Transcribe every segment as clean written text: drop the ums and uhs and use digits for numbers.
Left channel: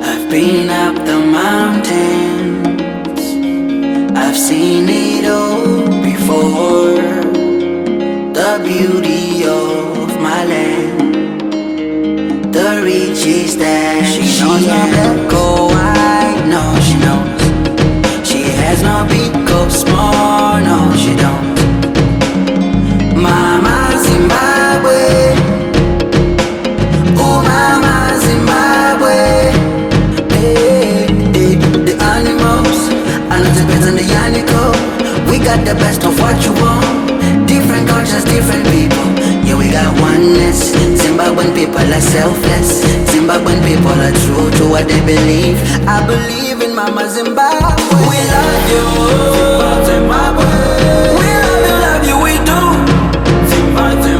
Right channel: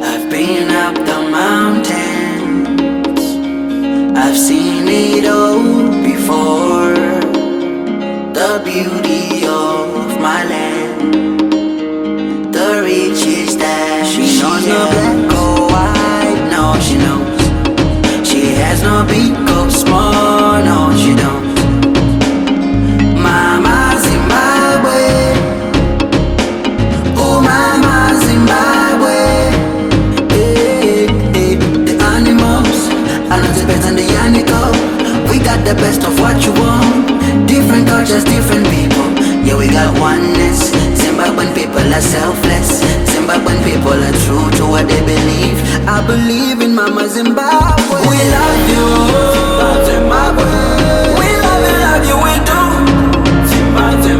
I've been up the mountains, I've seen it all before. The beauty of my land, the riches that she knows. No black or white, no she knows. She has no big or small, no she don't. Mama Zimbabwe, oh Mama Zimbabwe. The animals, I know depends on the animal. We got the best of what you want. Different cultures, different people. Yeah, we got oneness. Zimbabwean people are selfless. Zimbabwean people are true to what they believe. I believe in Mama Zimbabwe. We love you, Zimbabwe. We love you, we do. Zimbabwe.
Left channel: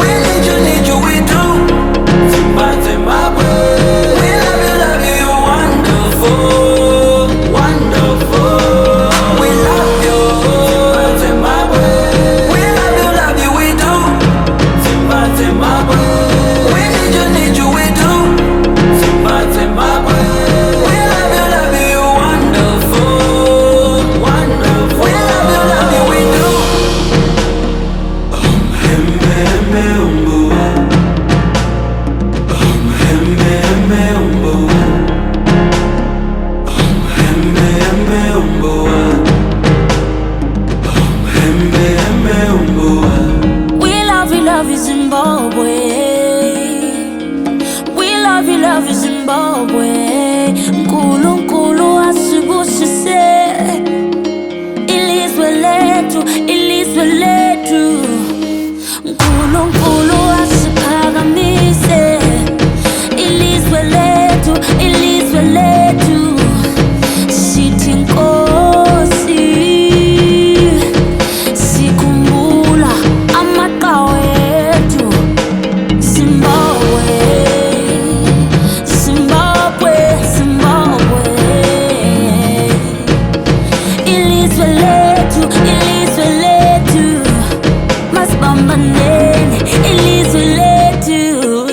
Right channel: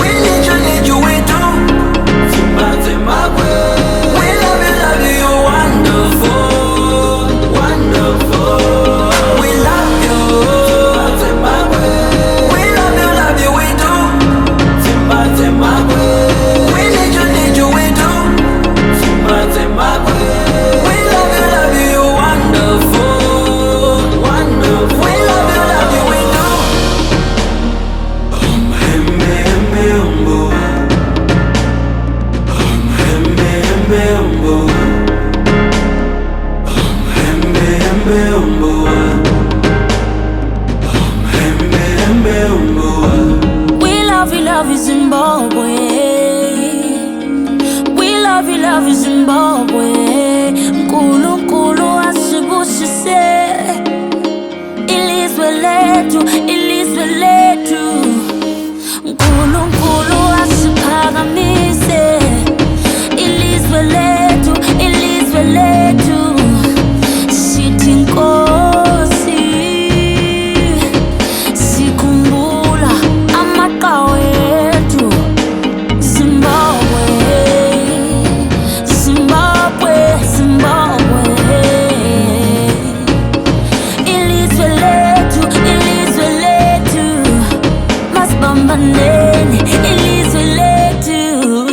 We need you, we do. Zimbabwe. We love you, you wonderful, wonderful. We love you, Zimbabwe. We love you, we do. Zimbabwe. We need you, we do. Zimbabwe. We love you, you wonderful, wonderful. We love you, we do. We love you, Zimbabwe. We love you, Zimbabwe. Nkulunkulu asibusise. Ilizwe lethu, ilizwe lethu. Nkulunkulu asiphakamise. Ilizwe lethu, ilizwe lethu. Sithi Nkosi, sikhumbula amaqhawe ethu. Zimbabwe, Zimbabwe, Zimbabwe. Ilizwe lethu, ilizwe lethu. Masibambaneni, ilizwe lethu.